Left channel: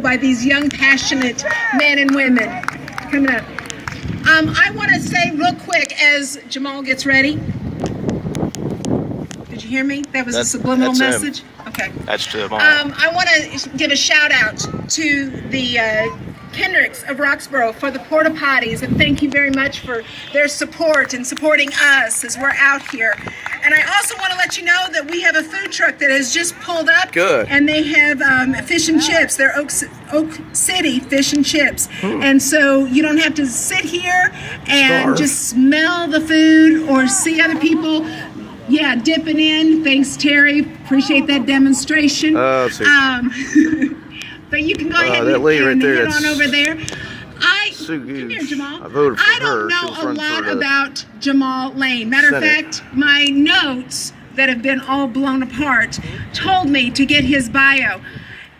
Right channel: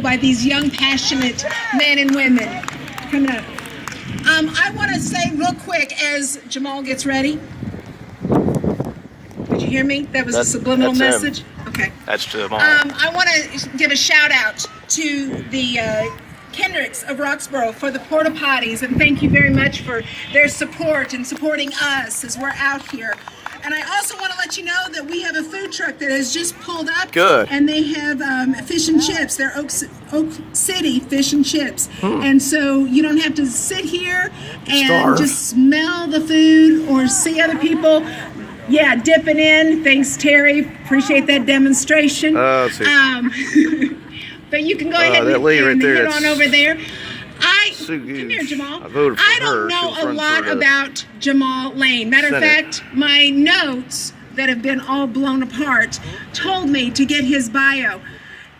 by these young, passionate men and women. Coming up. I want to say real quick as Jamal gets ready. Did you hear me? That was a subliminal message. Okay. That's Jamal. I want to give a shout out to the Kendricks of Roxborough for the porta potties, and thank you very much for their support and supporting us as we're out here. And I also want to let you know that we have a food truck that has just pulled up. Good. And they have fish and chips. They're Oak City fish and chips. And so you don't have to sit here and just smell the food or see other people. Yeah, dipping in. Thanks, Terry. Appreciate that demonstration. But you can go ahead and head on over there. Come here, Jamal. I voted for I don't know a lot about Jamal Lane. Matter of fact, my notes that have been all blown apart told me to get his bio.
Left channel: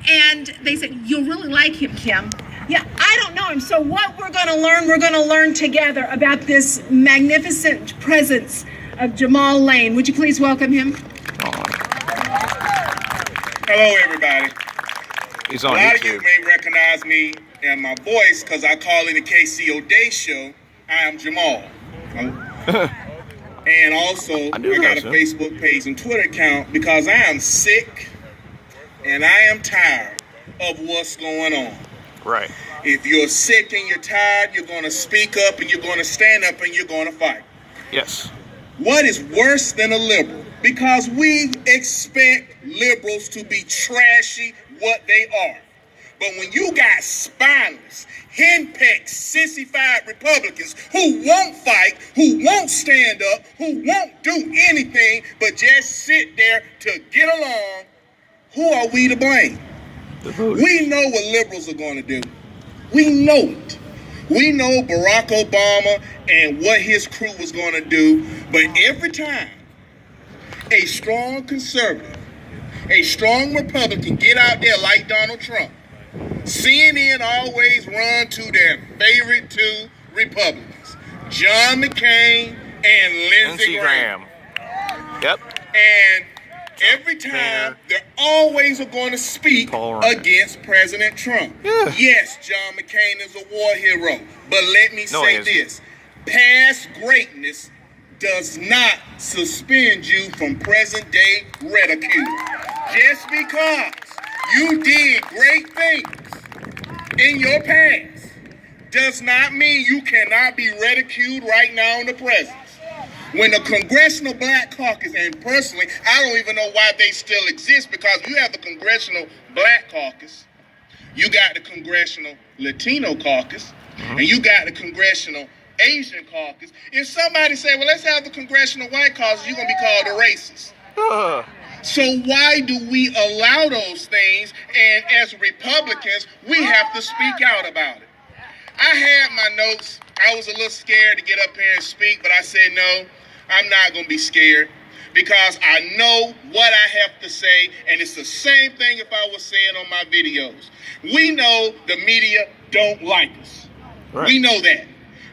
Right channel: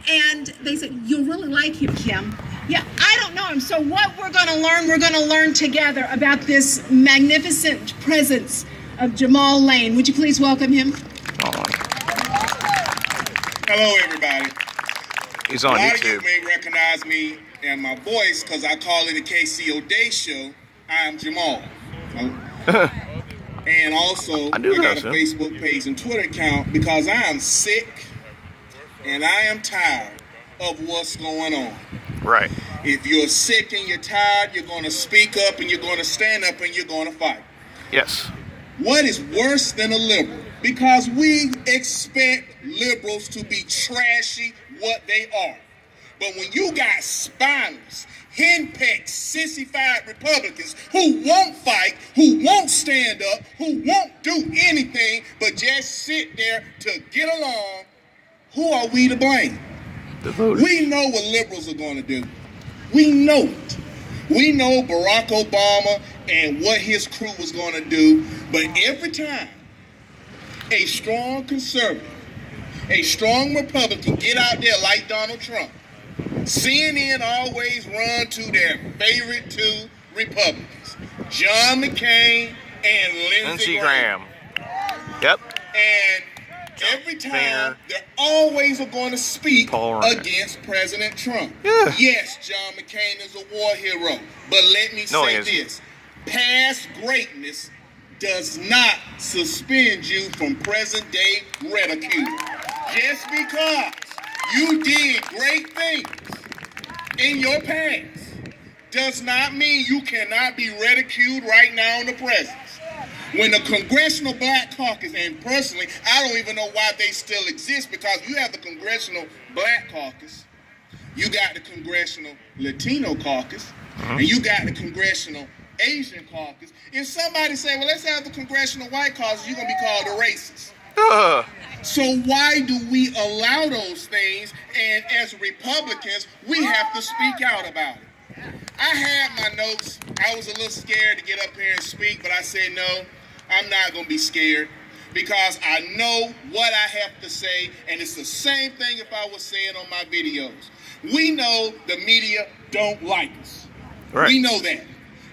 And they said, you'll really like him, Kim. Yeah, I don't know him. So what we're going to learn together about this magnificent presence of Jamal Lane. Would you please welcome him? Hello, everybody. He's on YouTube. A lot of you may recognize me and my voice because I call in the KCO Day Show. I am Jamal. And also, I got a Facebook page and Twitter account because I am sick and I am tired of what's going on. Right. If you're sick and you're tired, you're going to speak up and you're going to stand up and you're going to fight. Yes. What is worse than a liberal? Because we expect liberals to be trashy what they are. But when you got spineless, henpecked, sissified Republicans who won't fight, who won't stand up, who won't do anything but just sit there to get along, who are we to blame? The voters. We know what liberals are going to do. We know it. We know Barack Obama and what his crew was going to do, but every time a strong conservative, a strong Republican get out there like Donald Trump, CNN always run to their favorite two Republicans, John McCain and Lindsey Graham. Yep. And every time they're always going to speak against President Trump. Yeah. Yes, John McCain is a war hero, but let me say this. Past greatness does not suspend you from present-day ridicule. Just because you did great things in your past does not mean you cannot be ridiculed right now in the present. When the Congressional Black Caucus, and personally, I don't even know why they still exist, because you have the Congressional Black Caucus, you got the Congressional Latino Caucus, and you got the Congressional Asian Caucus. If somebody say, well, let's have the Congressional White Caucus, you're going to be called a racist. So why do we allow those things? And as Republicans, we have to speak out about it. I had my notes. I was a little scared to get up here and speak, but I said, no, I'm not going to be scared because I know what I have to say, and it's the same thing if I was saying on my videos. We know the media don't like us. Right. We know that.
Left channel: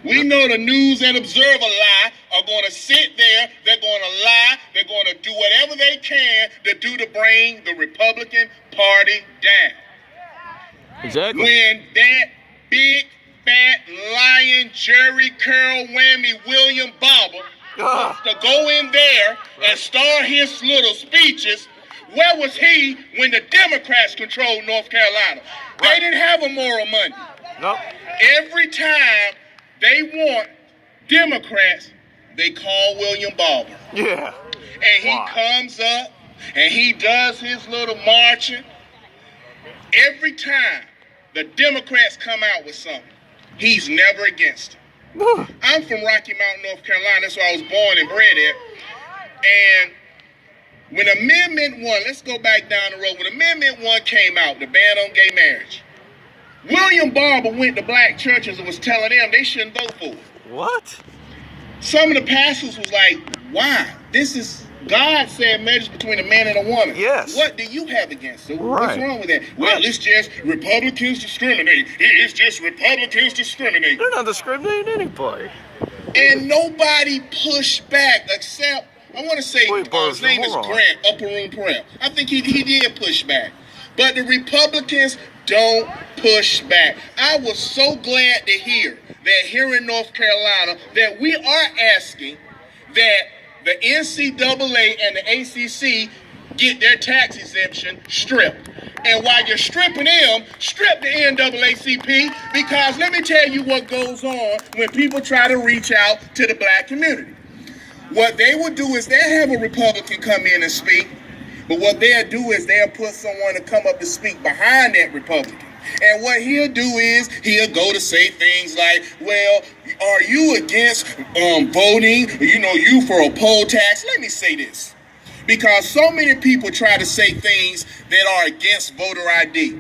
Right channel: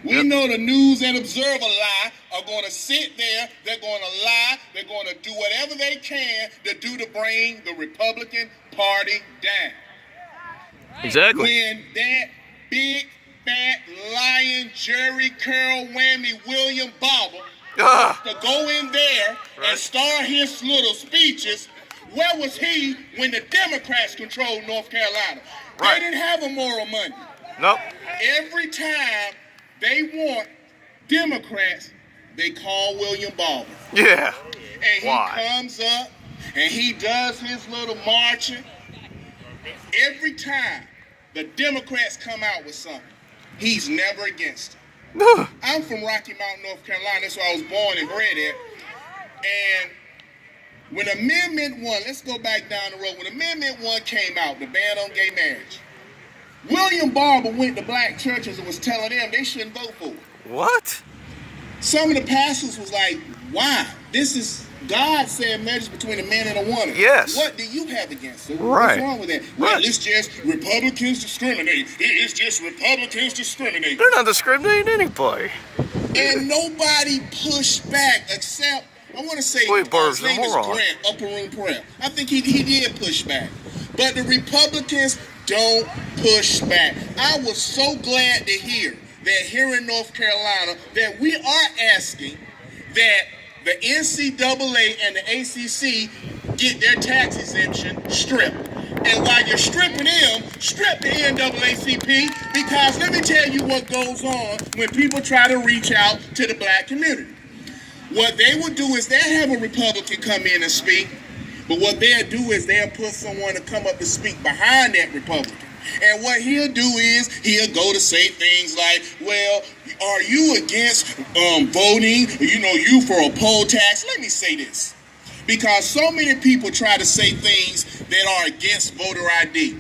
We know the News and Observer lie are going to sit there, they're going to lie, they're going to do whatever they can to bring the Republican Party down. Exactly. When that big, fat, lying, Jerry curl whammy William Barber to go in there and start his little speeches, where was he when the Democrats controlled North Carolina? They didn't have a moral Monday. Nope. Every time they want Democrats, they call William Barber. Yeah. And he comes up and he does his little marching. Every time the Democrats come out with something, he's never against it. I'm from Rocky Mount, North Carolina. That's where I was born and bred at. And when Amendment 1, let's go back down the road. When Amendment 1 came out, the ban on gay marriage, William Barber went to black churches and was telling them they shouldn't vote for it. What? Some of the pastors was like, why? This is, God said marriage between a man and a woman. Yes. What do you have against it? Right. What's wrong with that? Well, it's just Republicans discriminate. It's just Republicans discriminate. They're not discriminating anybody. And nobody pushed back except, I want to say, his name is Grant, Upper Room Prayer. I think he did push back. But the Republicans don't push back. I was so glad to hear that here in North Carolina that we are asking that the NCAA and the ACC get their tax exemption stripped. And while you're stripping them, strip the NAACP, because let me tell you what goes on when people try to reach out to the black community. What they will do is they'll have a Republican come in and speak, but what they'll do is they'll put someone to come up and speak behind that Republican. And what he'll do is he'll go to say things like, well, are you against voting, you for a poll tax? Let me say this. Because so many people try to say things that are against voter ID.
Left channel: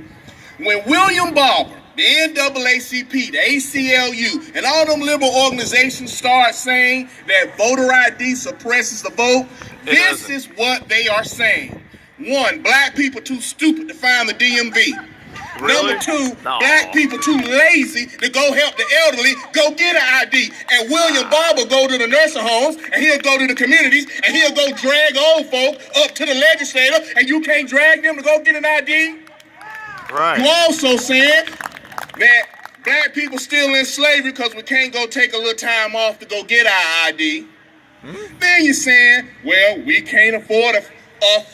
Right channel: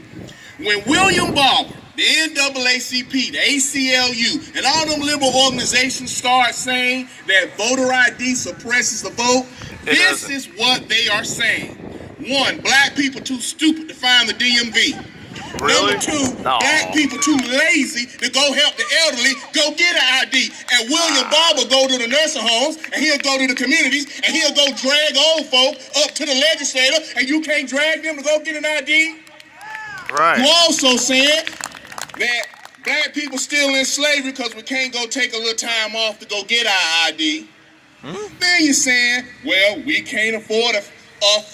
When William Barber, the NAACP, the ACLU, and all them liberal organizations start saying that voter ID suppresses the vote, this is what they are saying. One, black people too stupid to find the DMV. Really? Number two, black people too lazy to go help the elderly go get an ID. And William Barber go to the nursing homes, and he'll go to the communities, and he'll go drag old folk up to the legislator, and you can't drag them to go get an ID? Right. You also said that black people still in slavery because we can't go take a little time off to go get our ID. Then you're saying, well, we can't afford a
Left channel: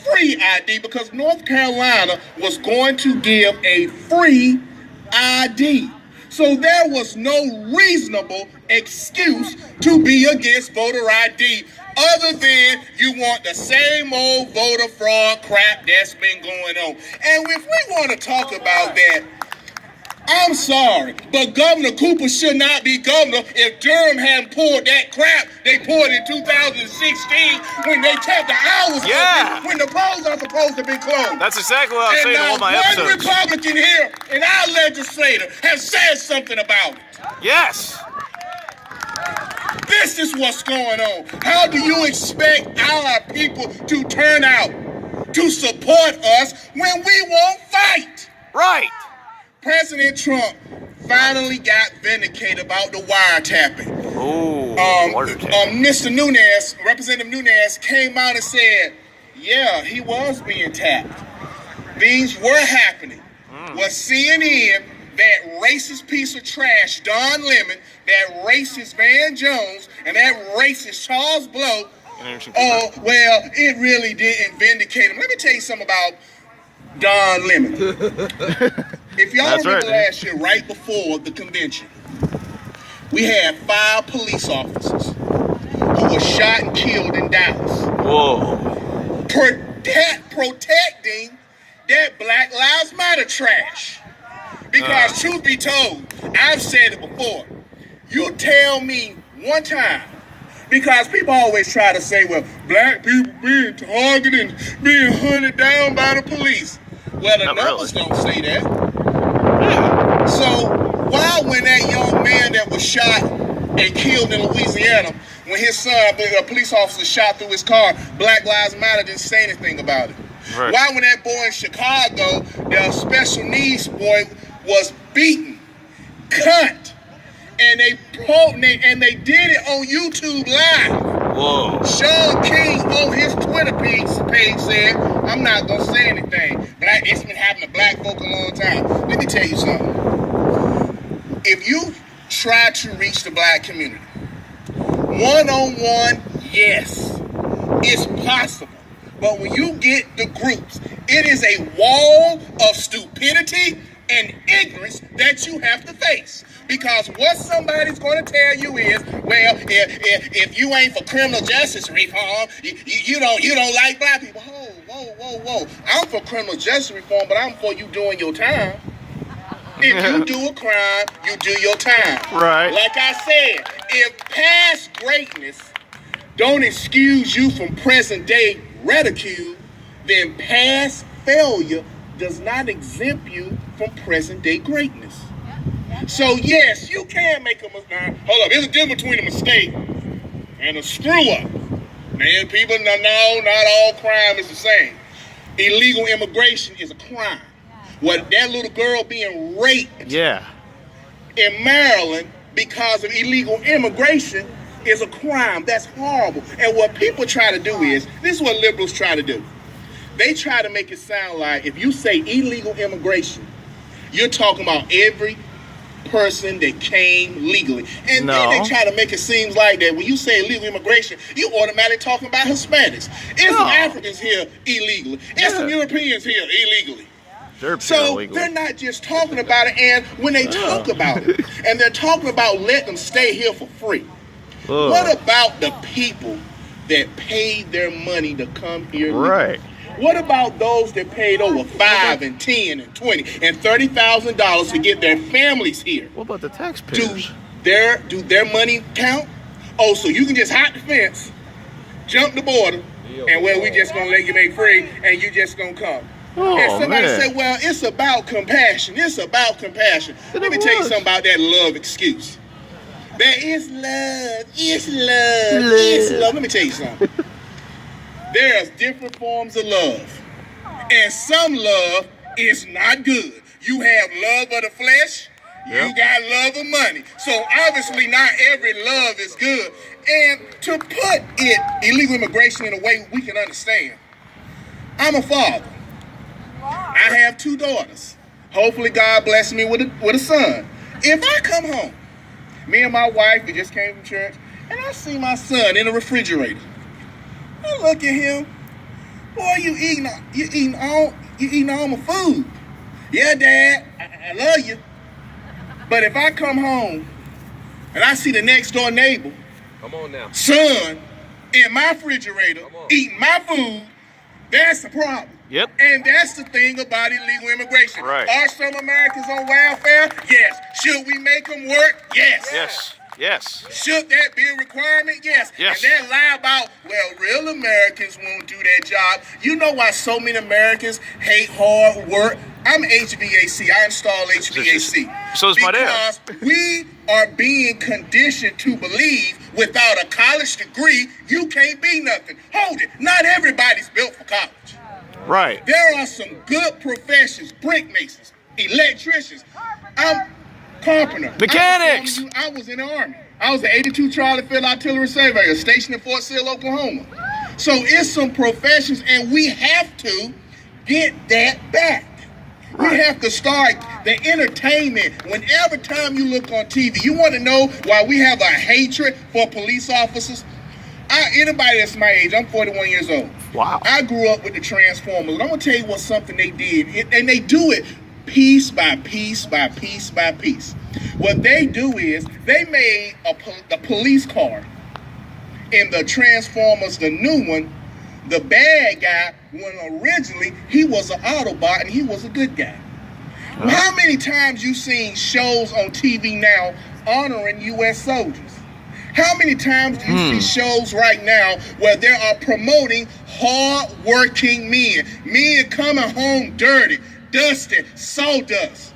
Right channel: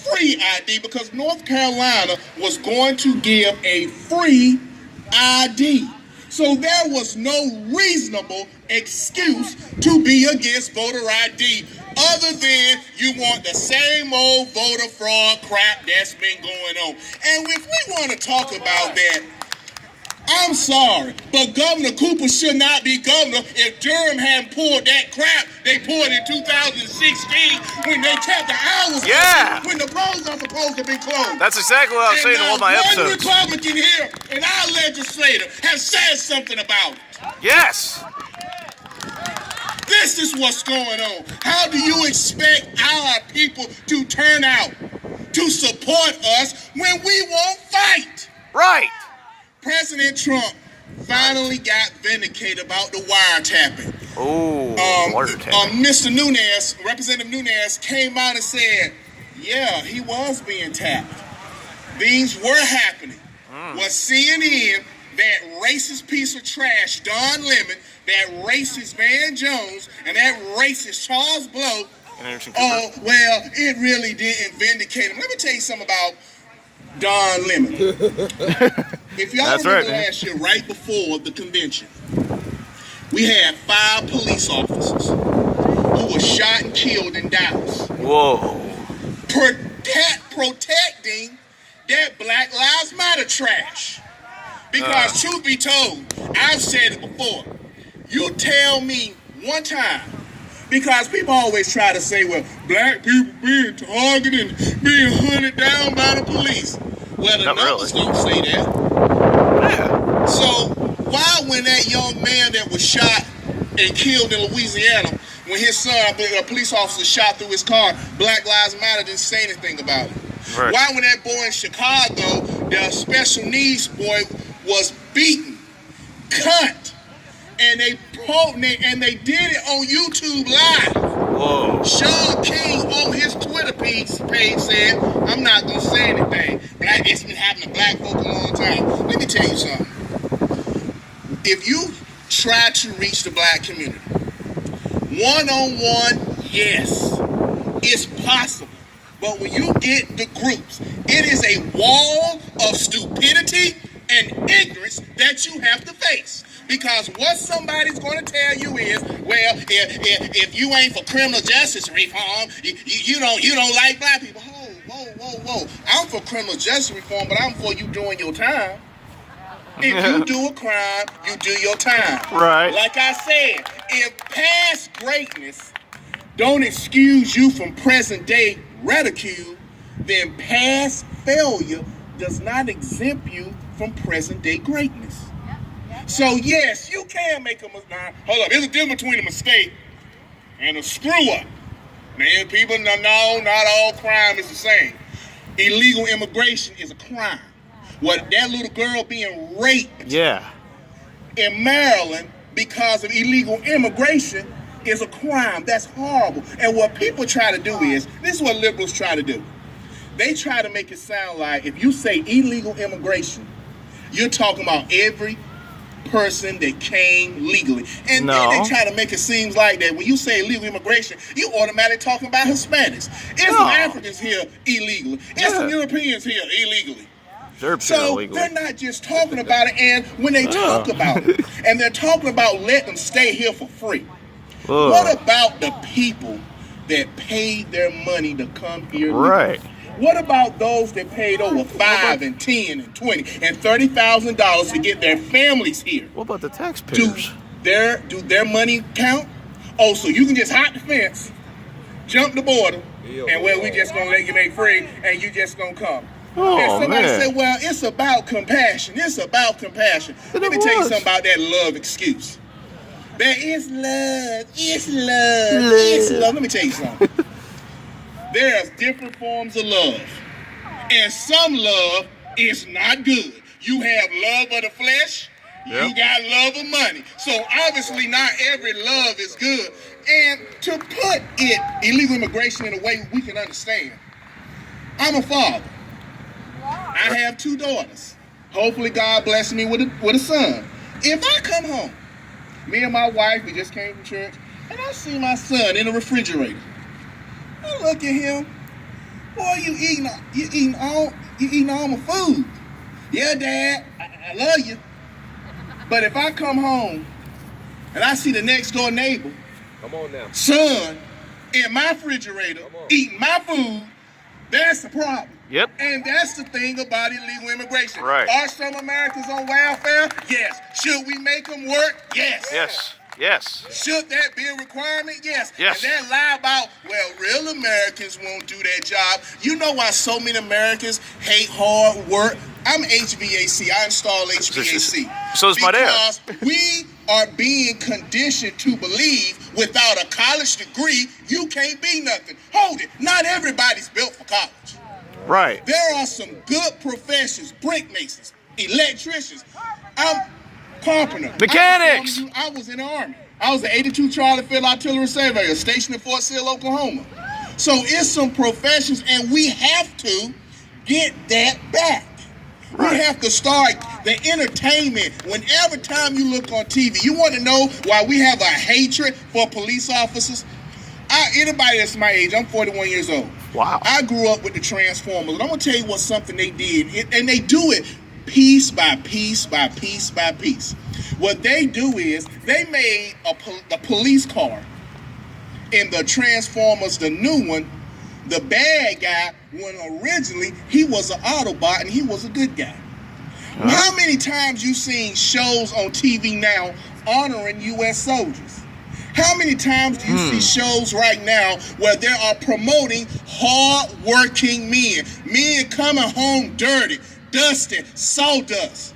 free ID because North Carolina was going to give a free ID. So there was no reasonable excuse to be against voter ID other than you want the same old voter fraud crap that's been going on. And if we want to talk about that, I'm sorry, but Governor Cooper should not be governor if Durham hadn't pulled that crap they pulled in 2016 when they kept the hours open, when the polls are supposed to be closed. That's exactly what I was saying in all my episodes. One Republican here in our legislature has said something about it. Yes. This is what's going on. How do you expect our people to turn out to support us when we won't fight? Right. President Trump finally got vindicated about the wiretapping. Wiretapping. Mr. Nunes, Representative Nunes, came out and said, yeah, he was being tapped. Things were happening. Was CNN, that racist piece of trash, Don Lemon, that racist Van Jones, and that racist Charles Blow, well, it really didn't vindicate him. Let me tell you something about Don Lemon. If y'all remember last year, right before the convention, we had 5 police officers who were shot and killed in Dallas. Whoa. Protecting that Black Lives Matter trash. Because truth be told, I've said it before, you tell me one time, because people always try to say, well, black people being targeted and being hunted down by the police. Well, the numbers don't say that. Yeah. So why, when that young man that was shot and killed in Louisiana, when his son, a police officer, shot through his car, Black Lives Matter didn't say anything about it? Right. Why, when that boy in Chicago, the special needs boy, was beaten, cut, and they did it on YouTube Live? Whoa. Sean King on his Twitter page said, I'm not going to say anything. It's been happening to black folk a long time. Let me tell you something. If you try to reach the black community, one-on-one, yes, it's possible. But when you get the groups, it is a wall of stupidity and ignorance that you have to face. Because what somebody's going to tell you is, well, if you ain't for criminal justice reform, you don't like black people. Whoa. I'm for criminal justice reform, but I'm for you doing your time. If you do a crime, you do your time. Right. Like I said, if past greatness don't excuse you from present day ridicule, then past failure does not exempt you from present day greatness. So yes, you can make a mistake. Hold up, there's a difference between a mistake and a screw up. Man, people know not all crime is the same. Illegal immigration is a crime. What, that little girl being raped in Maryland because of illegal immigration is a crime. That's horrible. And what people try to do is, this is what liberals try to do. They try to make it sound like if you say illegal immigration, You're talking about every person that came legally. And No. then they try to make it seem like that when you say illegal immigration, you automatically talking about Hispanics. There's some Africans here illegally. There's some Europeans here illegally. They're So illegally. they're not just talking about it, and when they talk about it, and they're talking about letting them stay here for free. What about the people that paid their money to come here? Right. What about those that paid over $5 and $10 and $20 and $30,000 to get their families here? What about the taxpayers? Do their money count? Oh, so you can just hop the fence, jump the border, and well, we just gonna let you make free, and you just gonna come. And somebody said, well, it's about compassion. It's about compassion. Let me tell you something about that love excuse. There is love. It's love. It's love. Let me tell you something. There's different forms of love. And some love is not good. You have love of the flesh. You got love of money. So obviously not every love is good. And to put it, illegal immigration, in a way we can understand, I'm a father. I have 2 daughters. Hopefully God bless me with a son. If I come home, me and my wife, we just came from church, and I see my son in the refrigerator. I look at him. Boy, you eating all my food. Yeah, Dad, I love you. But if I come home and I see the next door neighbor, son, in my refrigerator, eating my food, that's the problem. Yep. And that's the thing about illegal immigration. Right. Are some Americans on welfare? Yes. Should we make them work? Yes. Yes. Yes. Should that be a requirement? Yes. Yes. And that lie about, well, real Americans won't do that job. You know why so many Americans hate hard work? I'm HVAC. I install HVAC. So is my dad. Because we are being conditioned to believe without a college degree, you can't be nothing. Hold it. Not everybody's built for college. Right. There are some good professions, brick masons, electricians. I'm carpenter. Mechanics. I was in the Army. I was an 82 Charlie Field Artillery Surveyor stationed in Fort Sill, Oklahoma. So it's some professions, and we have to get that back. Right. We have to start the entertainment. Whenever time you look on TV, you want to know why we have a hatred for police officers? Anybody that's my age, I'm 41 years old. Wow. I grew up with the Transformers, and I'm going to tell you what something they did, and they do it piece by piece by piece by piece. What they do is they made the police car in the Transformers, the new one, the bad guy, when originally he was an Autobot and he was a good guy. How many times you seen shows on TV now honoring U.S. soldiers? How many times do you see shows right now where they are promoting hard-working men coming home dirty, dusty, sawdust?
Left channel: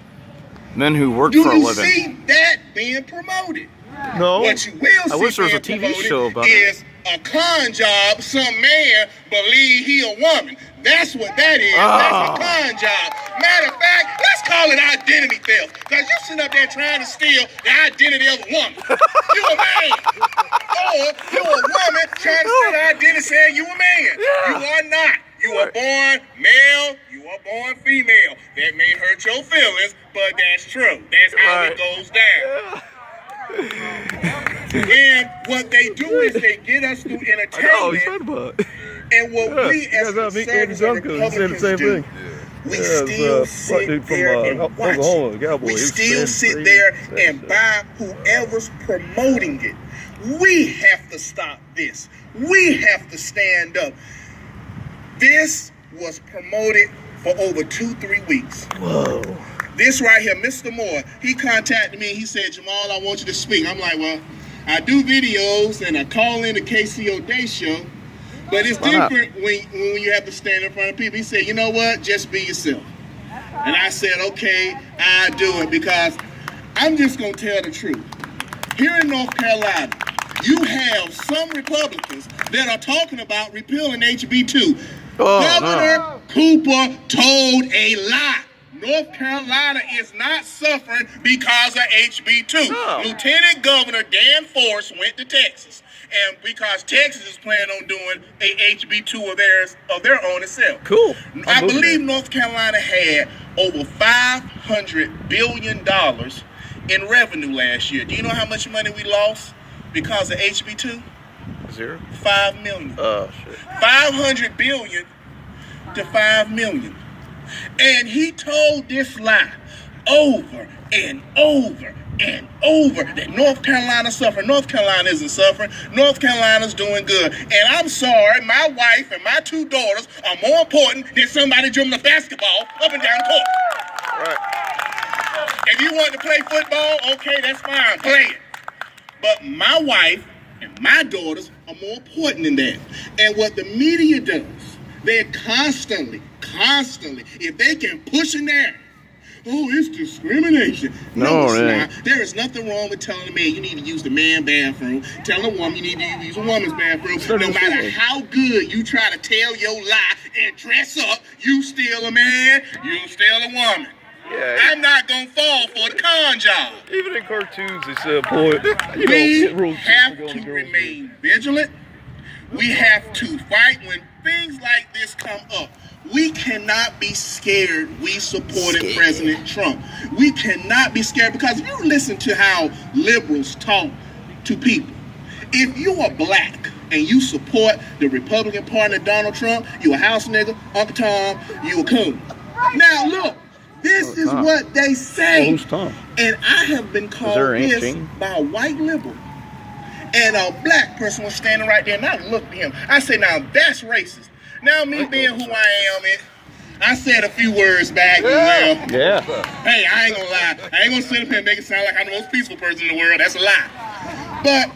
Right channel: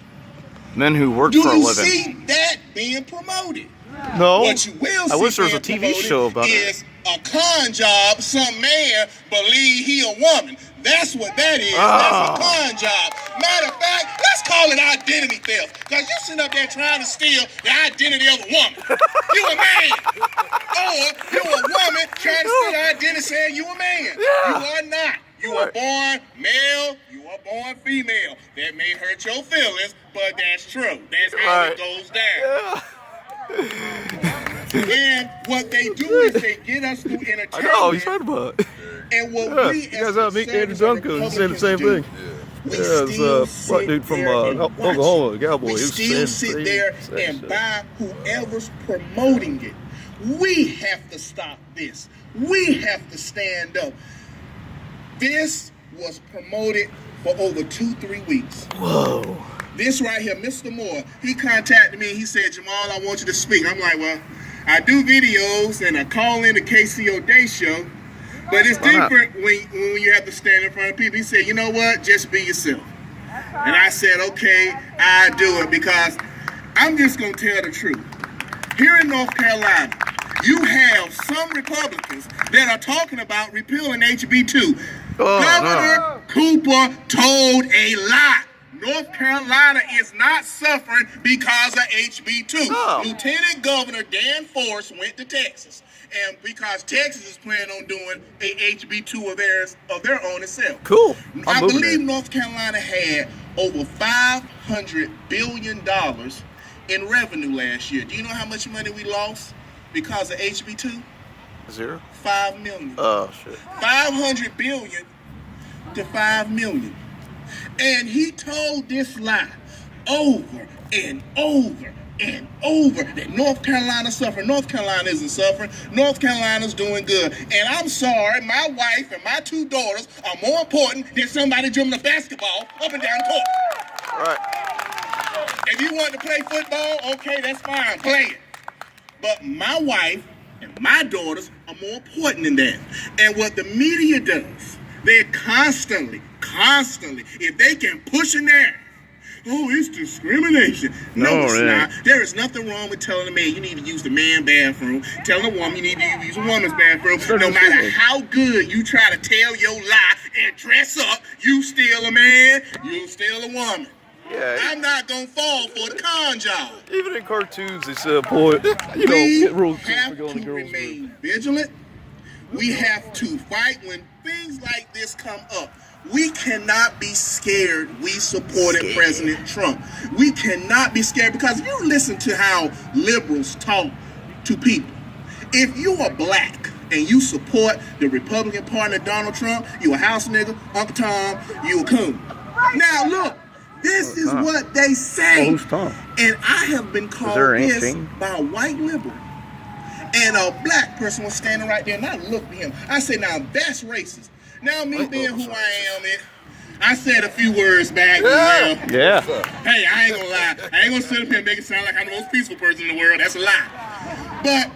Men who work for a living. Do you see that being promoted? No. What you will see I wish there was a TV show about is it. A con job. Some man believe he a woman. That's what that is. That's a con job. Matter of fact, let's call it identity theft. Because you're sitting up there trying to steal the identity of a woman. You a man. Or you a woman trying to steal the identity saying you a man. You are not. You are born male, you are born female. That may hurt your feelings, but that's true. That's how it goes down. And what they do is they get us through entertainment. I know, he's right about it. And what we as conservatives and Republicans do, we still sit there and watch it. We still sit there and buy whoever's promoting it. We have to stop this. We have to stand up. This was promoted for over 2-3 weeks. Whoa. This right here, Mr. Moore, he contacted me and he said, Jamal, I want you to speak. I'm like, well, I do videos and I call in the KCO Day Show, but it's different when you have to stand in front of people. He said, you know what, just be yourself. And I said, okay, I'll do it because I'm just going to tell the truth. Here in North Carolina, you have some Republicans that are talking about repealing HB 2. Governor Cooper told a lie. North Carolina is not suffering because of HB2. No. Lieutenant Governor Dan Force went to Texas, and because Texas is planning on doing a HB2 of their own itself. Cool. I believe North Carolina had over $500 billion in revenue last year. Do you know how much money we lost because of HB2? 0? $5 million. Oh shit. 500 billion to 5 million. And he told this lie over and over and over that North Carolina suffered. North Carolina isn't suffering. North Carolina's doing good. And I'm sorry, my wife and my 2 daughters are more important than somebody dribbling a basketball up and down the court. Right. If you want to play football, okay, that's fine, play it. But my wife and my daughters are more important than that. And what the media does, they're constantly, if they can push in there, oh, it's discrimination. No, it's not. There is nothing wrong with telling a man you need to use the man bathroom, telling a woman you need to use a woman's bathroom. No matter how good you try to tell your lie and dress up, you still a man, you still a woman. Yeah. I'm not going to fall for the con job. Even in cartoons, they say, boy, we have to remain vigilant. We have to fight when things like this come up. We cannot be scared we supported President Trump. We cannot be scared because if you listen to how liberals talk to people, if you are black and you support the Republican Party of Donald Trump, you a house nigga, Uncle Tom, you a coon. Now look, this is what they say. Who's Tom? And I have been called this by a white liberal. And a black person was standing right there, and I looked at him. I said, now that's racist. Now me being who I am, I said a few words back. Yeah. Hey, I ain't gonna lie. I ain't gonna sit up here and make it sound like I'm the most peaceful person in the world. That's a lie. But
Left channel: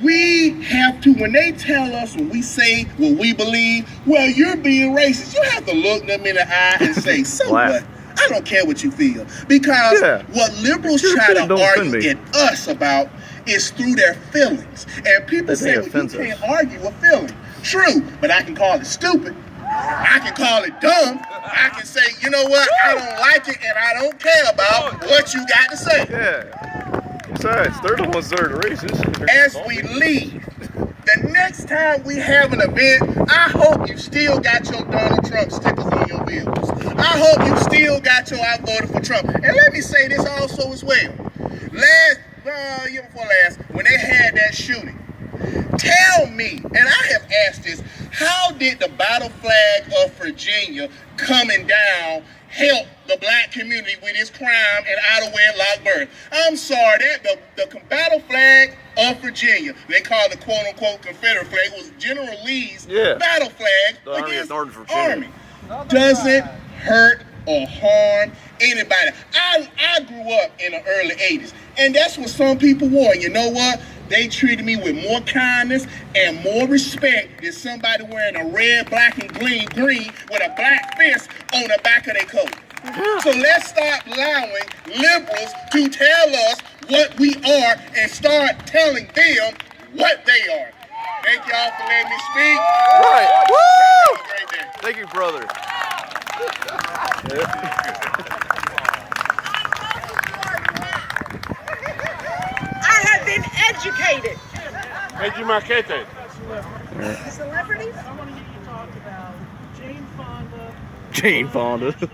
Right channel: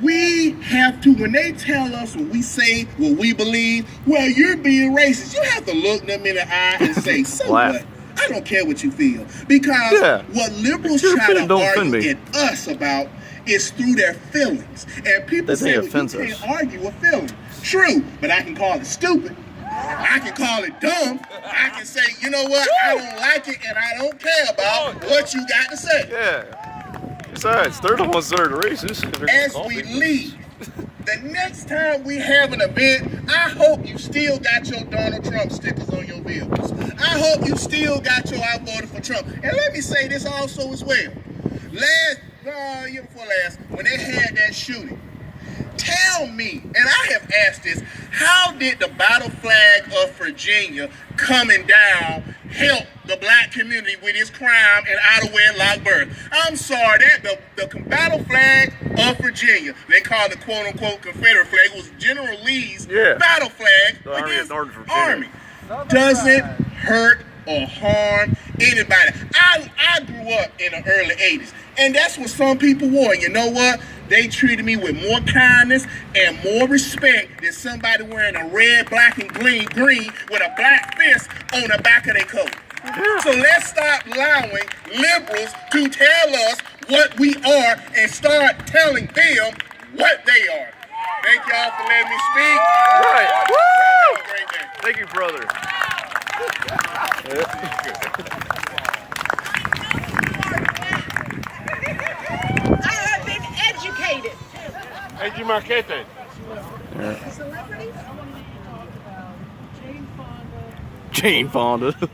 we have to, when they tell us what we say, what we believe, well, you're being racist. You have to look them in the eye and say, so what? I don't care what you feel. Because what liberals try to argue at us about is through their feelings. And people say, well, you can't argue with feelings. True, but I can call it stupid. I can call it dumb. I can say, you know what, I don't like it and I don't care about what you got to say. Yeah. Besides, they're the ones that are racist. As we leave, the next time we have an event, I hope you still got your Donald Trump stickers on your vehicles. I hope you still got your I voted for Trump. And let me say this also as well. Year before last, when they had that shooting, tell me, and I have asked this, how did the battle flag of Virginia coming down help the black community with its crime and out of wedlock birth? I'm sorry, that the battle flag of Virginia, they call the quote unquote Confederate flag, was General Lee's battle flag. The Army of Northern Virginia. Doesn't hurt or harm anybody. I grew up in the early 80s, and that's what some people wore. And you know what? They treated me with more kindness and more respect than somebody wearing a red, black, and green with a black fist on the back of their coat. So let's stop allowing liberals to tell us what we are and start telling them what they are. Thank y'all for letting me speak. Right. Woo! Have a great day. Thank you, brother. I have been educated. Educated. Celebrities? I wanted you to talk about Jane Fonda. Jane Fonda.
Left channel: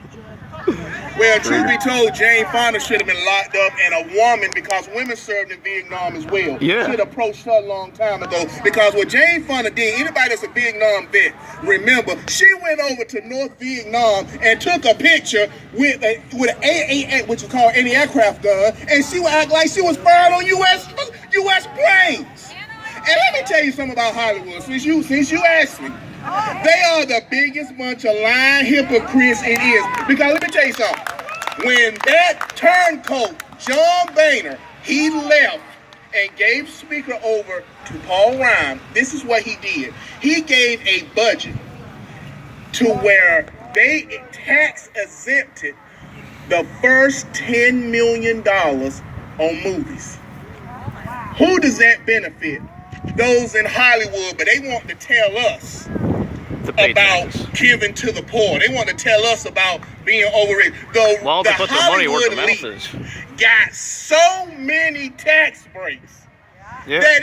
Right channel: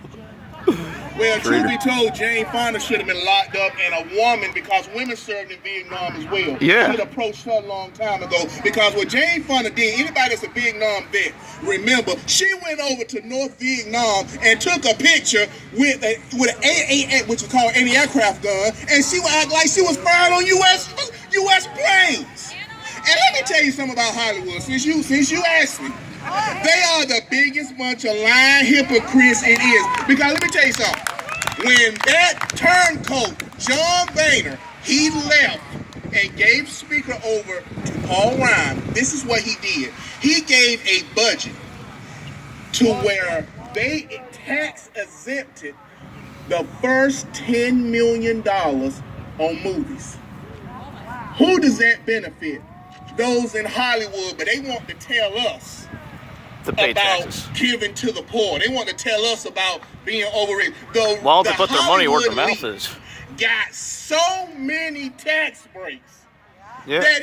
Well, truth be told, Jane Fonda should have been locked up, and a woman, because women served in Vietnam as well. Yeah. Should have approached her a long time ago. Because what Jane Fonda did, anybody that's a Vietnam vet, remember, she went over to North Vietnam and took a picture with an AA, which is called anti-aircraft gun, and she would act like she was fired on U.S. planes. And let me tell you something about Hollywood, since you asked me. They are the biggest bunch of lying hypocrites it is. Because let me tell you something. When that turncoat, John Boehner, he left and gave speaker over to Paul Ryan, this is what he did. He gave a budget to where they tax exempted the first $10 million on movies. Who does that benefit? Those in Hollywood, but they want to tell us about giving to the poor. They want to tell us about being overrated. Well, they put their money where their mouth is. Got so many tax breaks that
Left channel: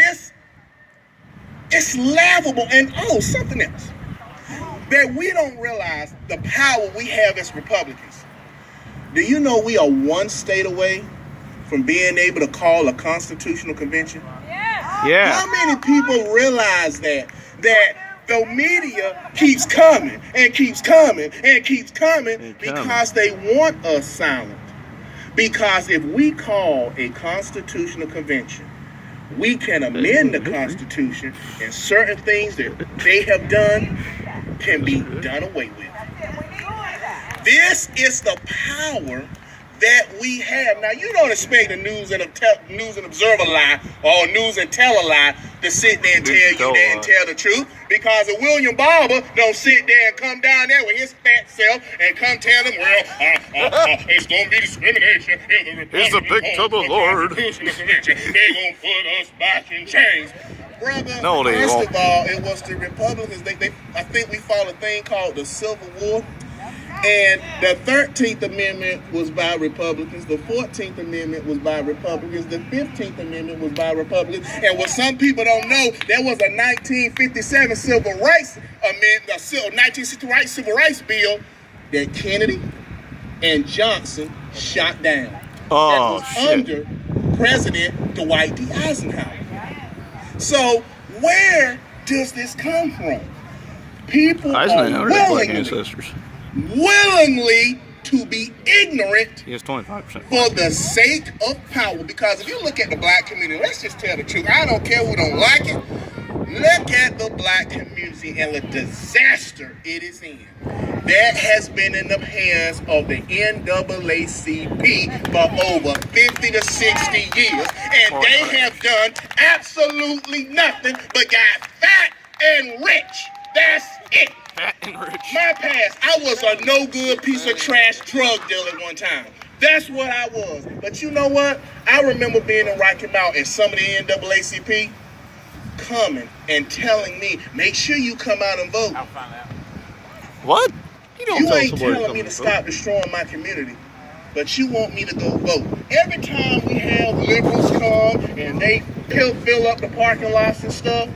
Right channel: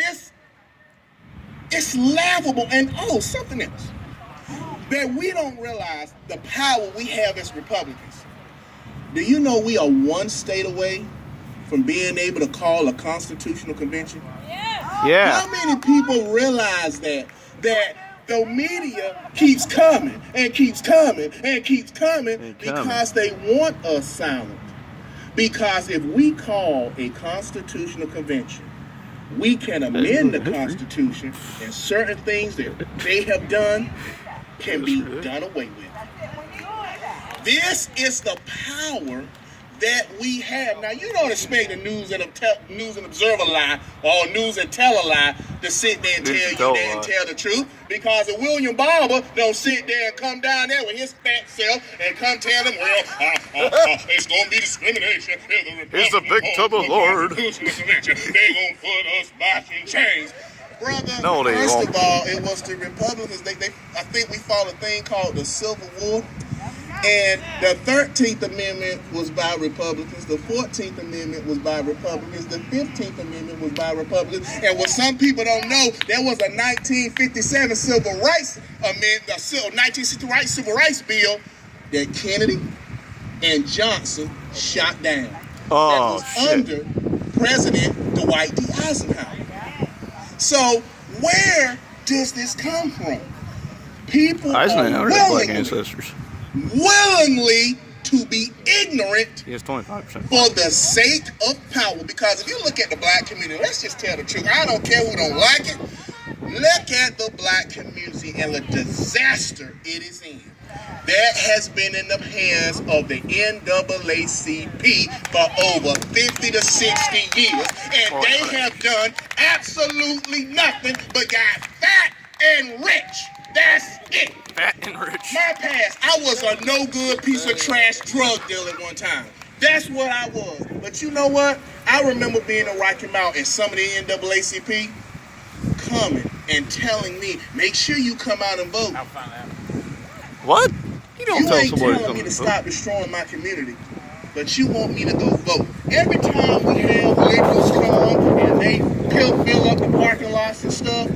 it's laughable. And something else that we don't realize the power we have as Republicans. Do you know we are one state away from being able to call a constitutional convention? Yeah. How many people realize that the media keeps coming and keeps coming and keeps coming because they want us silent? Because if we call a constitutional convention, we can amend the Constitution, and certain things that they have done can be done away with. This is the power that we have. Now, you don't expect a News and Observer lie or a News and Tell a lie to sit there and tell you that and tell the truth, because if William Barber don't sit there and come down there with his fat self and come tell them, well, it's going to be discrimination. It's a big trouble, Lord. They're going to put us back in chains. Brother, no, they first won't. of all, it was the Republicans. I think we fought a thing called the Civil War. And the 13th Amendment was by Republicans, the 14th Amendment was by Republicans, the 15th Amendment was by Republicans. And what some people don't know, there was a 1957 Civil Rights Amendment, a 1960 Civil Rights Bill that Kennedy and Johnson shot down. Oh, shit. Under President Dwight D. Eisenhower. So where does this come from? People Eisenhower had black ancestors. Willingly to be ignorant he has 25% for the sake of power. Because if you look at the black community, let's just tell the truth. I don't care who don't like it. Look at the black community and the disaster it is in. That has been in the hands of the NAACP for over 50 to 60 years. And they have done absolutely nothing but got fat and rich. That's it. Fat and rich. My past, I was a no-good piece of trash drug dealer one time. That's what I was. But you know what? I remember being in Rocky Mount and some of the NAACP coming and telling me, make sure you come out and vote. What? You don't You tell ain't somebody telling me to stop destroying my community, but you want me to go vote. Every time we have liquors come and they fill up the parking lots and stuff,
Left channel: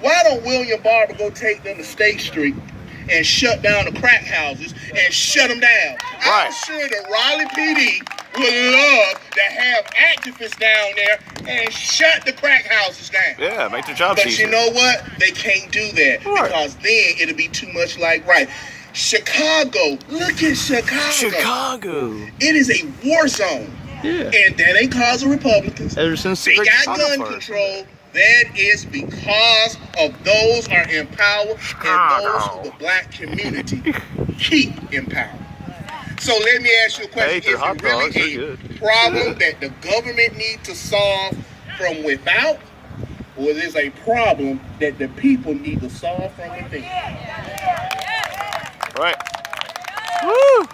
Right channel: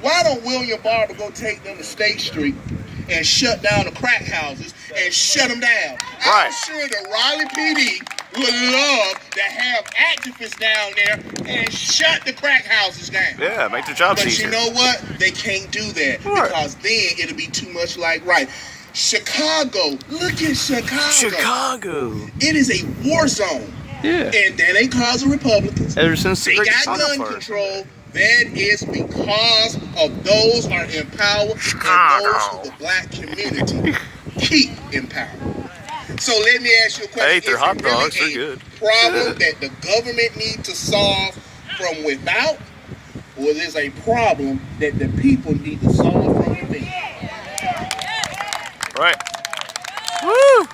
why don't William Barber go take them to State Street and shut down the crack houses and shut them down? Right. I'm sure the Raleigh PD would love to have activists down there and shut the crack houses down. Yeah, make their jobs easier. But you know what? They can't do that because then it'll be too much like Chicago. Look at Chicago. Chicago. It is a war zone. Yeah. And that ain't cause of Republicans. Ever since they got gun control. That is because of those are in power and those who the black community keep in power. So let me ask you a question. Hey, they're hot dogs. Really They're good. Problem that the government needs to solve from without, or is a problem that the people need to solve from within? Right. Woo!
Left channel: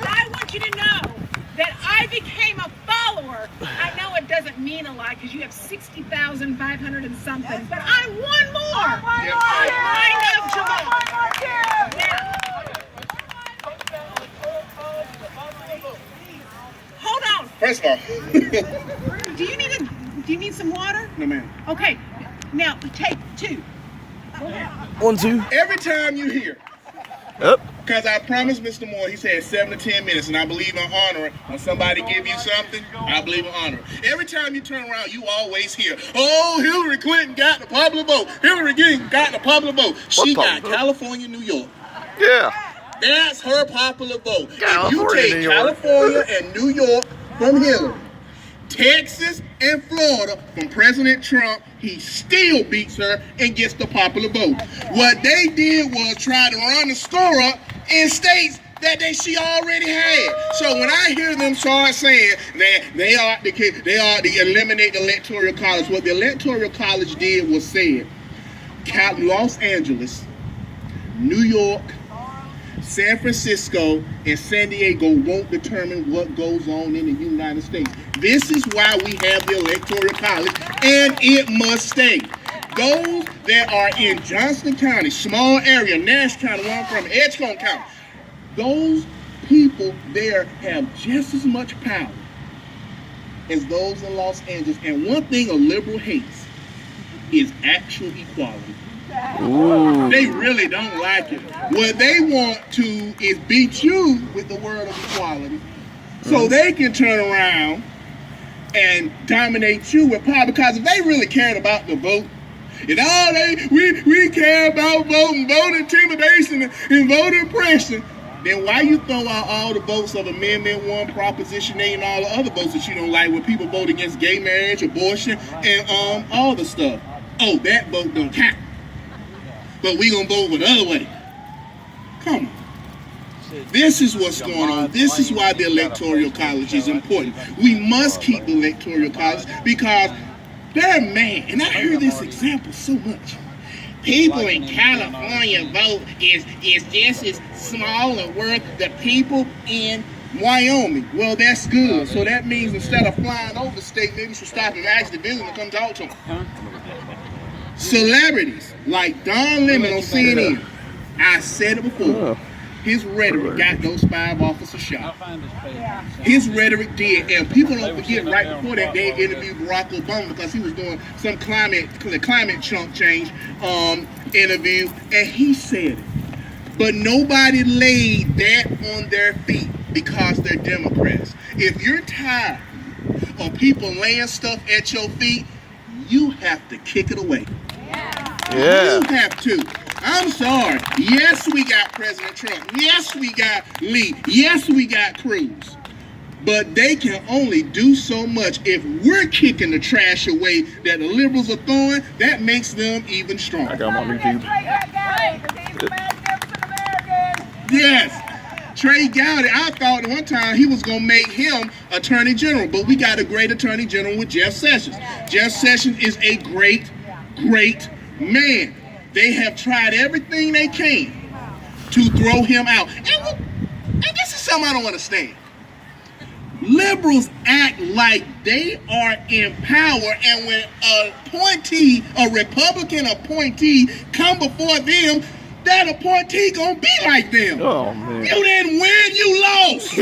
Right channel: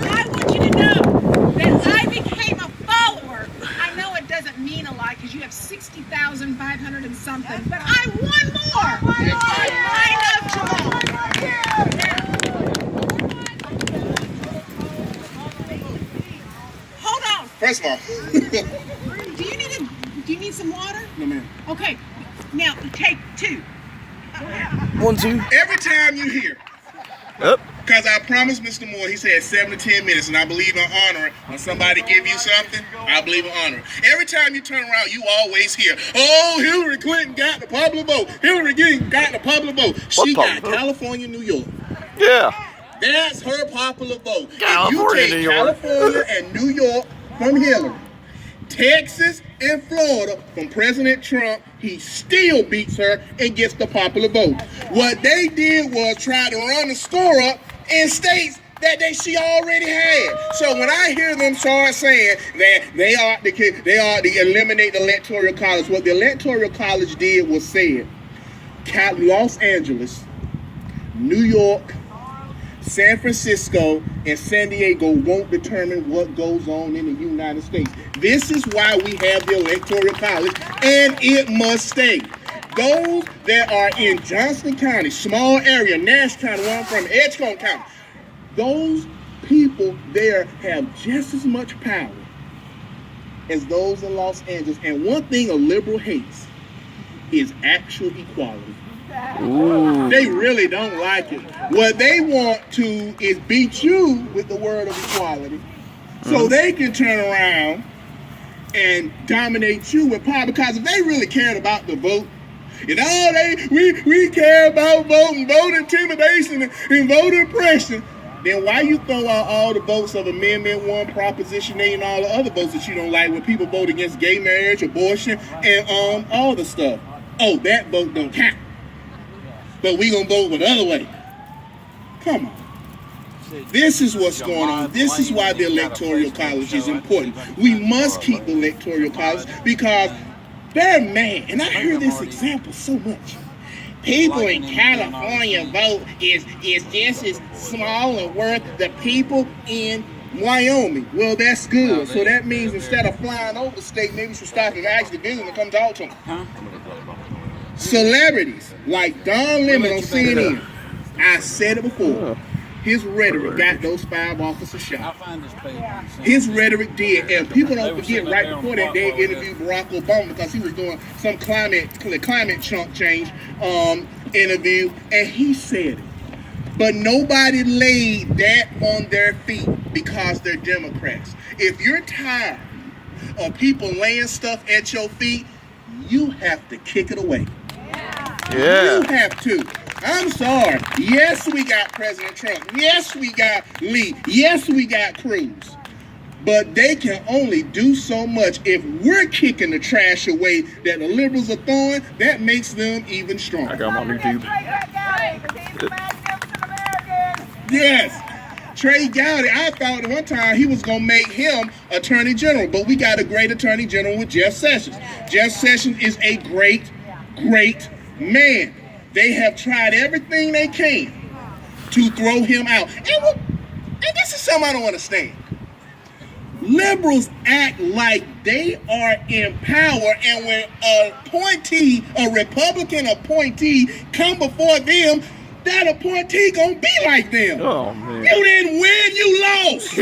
I want you to know that I became a follower. I know it doesn't mean a lot because you have 60,500 and something, but I won more. I love Jamal. Hold on. First of all, Do you need some water? no ma'am. Okay. Now take two. 1, 2. Every time you hear, Up. because I promised Mr. Moore, he said 7 to 10 minutes, and I believe in honoring. When somebody give you something, I believe in honoring. Every time you turn around, you always hear, oh, Hillary Clinton got the popular vote. Hillary Clinton got the popular vote. She got California, New York. Yeah. That's her popular vote. California, If you New take York. California and New York from Hillary, Texas and Florida from President Trump, he still beats her and gets the popular vote. What they did was try to run the score up in states that she already had. So when I hear them start saying that they ought to eliminate the Electoral College, what the Electoral College did was said, Los Angeles, New York, San Francisco, and San Diego won't determine what goes on in the United States. This is why we have the Electoral College, and it must stay. Those that are in Johnston County, small area, Nash County, where I'm from, Edgecombe County, those people there have just as much power as those in Los Angeles. And one thing a liberal hates is actual equality. Ooh. They really don't like it. What they want to is beat you with the word of equality so they can turn around and dominate you with power. Because if they really cared about the vote, and we care about voting, vote intimidation and voter oppression, then why you throw out all the votes of Amendment 1, Proposition 8, and all the other votes that you don't like when people vote against gay marriage, abortion, and all the stuff? Oh, that vote don't count. But we gonna vote the other way. Come on. This is what's going on. This is why the Electoral College is important. We must keep the Electoral College because they're mad. And I hear this example so much. People in California vote is just as small and worth the people in Wyoming. Well, that's good. So that means instead of flying over the state, maybe you should stop and actually visit and come talk to them. Celebrities like Don Lemon on CNN. I said it before. His rhetoric got those 5 officers shot. His rhetoric did. And people don't forget, right before that, they interviewed Barack Obama because he was doing some climate change interview, and he said it. But nobody laid that on their feet because they're Democrats. If you're tired of people laying stuff at your feet, you have to kick it away. Yeah. You have to. I'm sorry. Yes, we got President Trump. Yes, we got Lee. Yes, we got Cruz. But they can only do so much. If we're kicking the trash away that the liberals are throwing, that makes them even stronger. I got my YouTube. Yes. Trey Gowdy, I thought at one time he was going to make him Attorney General, but we got a great Attorney General with Jeff Sessions. Jeff Sessions is a great, great man. They have tried everything they can to throw him out. And this is something I don't understand. Liberals act like they are in power, and when a Republican appointee come before them, that appointee gonna be like them. Oh, man. You didn't win, you lost.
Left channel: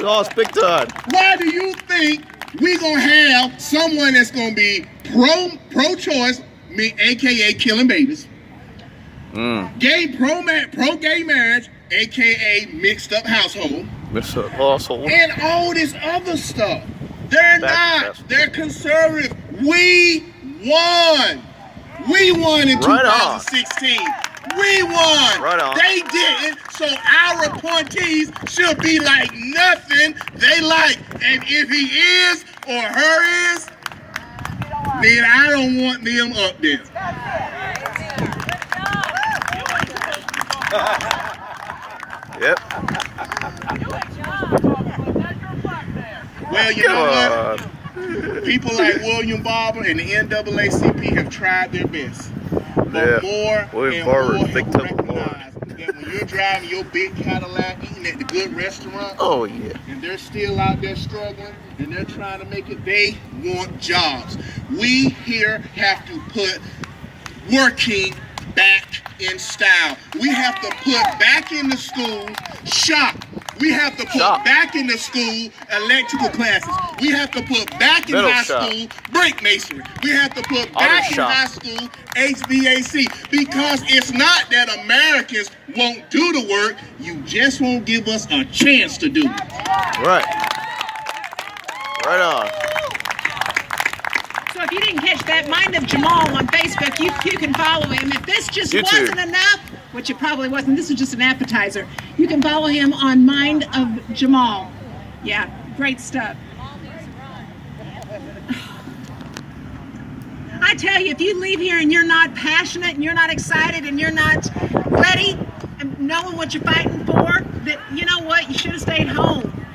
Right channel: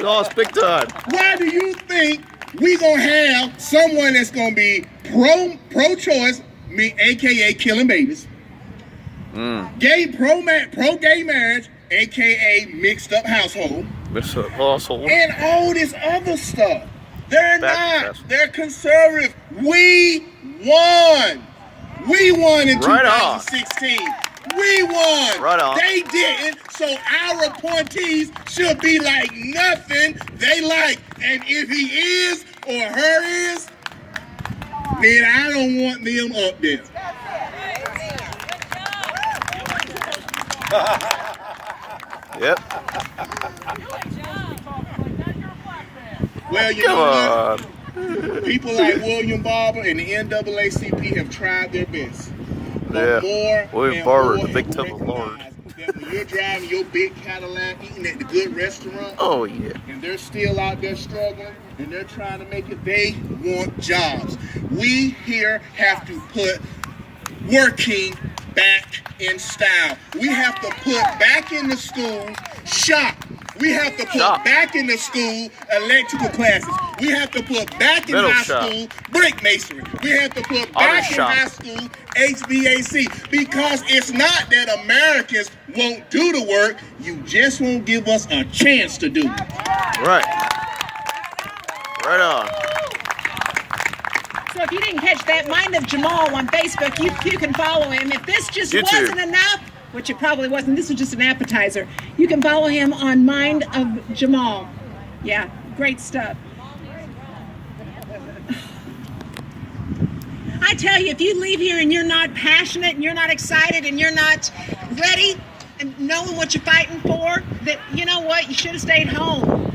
Lost big time. Why do you think we gonna have someone that's gonna be pro-choice, aka killing babies, pro-gay marriage, aka mixed up household, and all this other stuff? They're not. They're conservative. We won. We won in 2016. We won. Right on. They didn't. So our appointees should be like nothing they like. And if he is or her is, then I don't want them up there. Yep. Well, you know what? People like William Barber and the NAACP have tried their best. But William Barber, big toe of the Lord. That when you're driving your big Cadillac, eating at the good restaurant, oh yeah, and they're still out there struggling, and they're trying to make it, they want jobs. We here have to put working back in style. We have to put back in the school shop. We have to put back in the school electrical classes. We have to put back in high school brick masonry. We have to put back in high school HVAC. Because it's not that Americans won't do the work, you just won't give us a chance to do it. Right. Right on. So if you didn't catch that, Mind of Jamal on Facebook, you can follow him. If this just wasn't enough, which it probably wasn't, this is just an appetizer, you can follow him on Mind of Jamal. Yeah, great stuff. I tell you, if you leave here and you're not passionate and you're not excited and you're not ready and knowing what you're fighting for, that, you know what, you should have stayed home.